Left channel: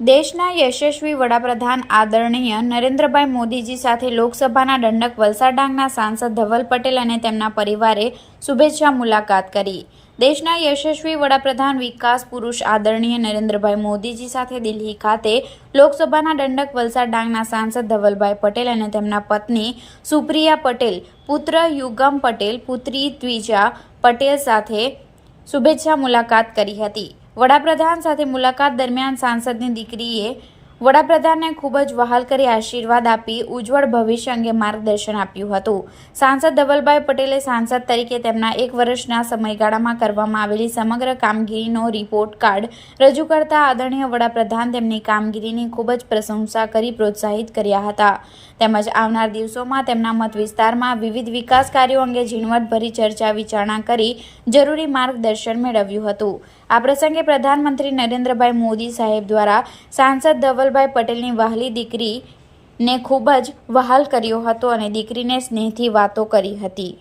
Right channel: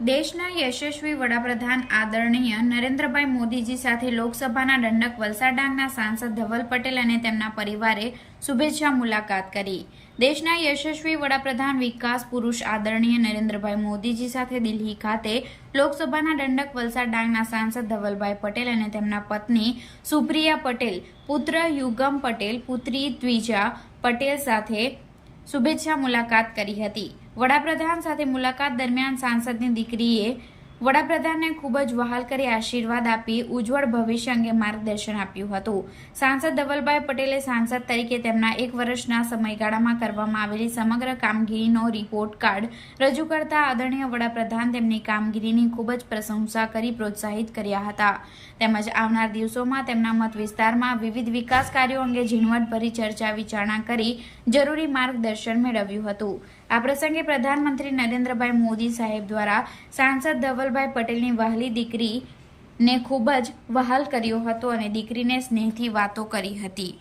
દેશના યશસ્વી વડાપ્રધાન આદરણીય નરેન્દ્રભાઈ મોદીજી સાથે લોકસભાના દંડક વલસાડ ડાંગના સાંસદ ધવલ પટેલ અને તેમના પરિવારે શુભેચ્છા મુલાકાત કરી. દેશના યશસ્વી વડાપ્રધાન વિકાસ પુરુષ આદરણીય નરેન્દ્રભાઈ મોદીજી સાથે દિલ્હી ખાતે લોકસભાના દંડક વલસાડ ડાંગના સાંસદ ધવલભાઈ પટેલ અને તેમના પત્ની સુપ્રિયા પટેલ, પુત્ર યુગમ પટેલ, પુત્રી દ્વિજા પટેલ સાથે શુભેચ્છા મુલાકાત કરી હતી. વડાપ્રધાન સાથે મુલાકાત દરમિયાન સાંસદની દીકરીએ વડાપ્રધાનને ખૂબ જ વહાલ કરી આશીર્વાદ આપી ઉજ્જવળ ભવિષ્ય અંગે માર્ગદર્શન આપ્યું હતું. સાંસદ ધવલભાઈ પટેલે સાંસદ તરીકે તેમના એક વર્ષના સમયગાળામાં કરવામાં આવેલી સમગ્ર કામગીરીનો રિપોર્ટ કાર્ડ રજૂ કરતા આદરણીય વડાપ્રધાન તેમની કામગીરીની ખૂબ જ પ્રશંસા કરી, પ્રોત્સાહિત કર્યા હતા. તેમજ આવનાર દિવસોમાં તેમના મત વિસ્તારમાં વિવિધ વિકાસ કાર્યો અંગે ઝીણવટભરી ચર્ચા વિચારણા કરી જરૂરી માર્ગદર્શન મેળવ્યું હતું. આ પ્રસંગે પ્રધાનમંત્રી નરેન્દ્રભાઈ મોદી સાહેબ દ્વારા સાંસદ કિશોરભાઈ પટેલની વહાલી દીકરીને ખૂબ જ વહાલ કર્યો હતો અને દીકરીને સ્નેહથી વાતો કરી હતી.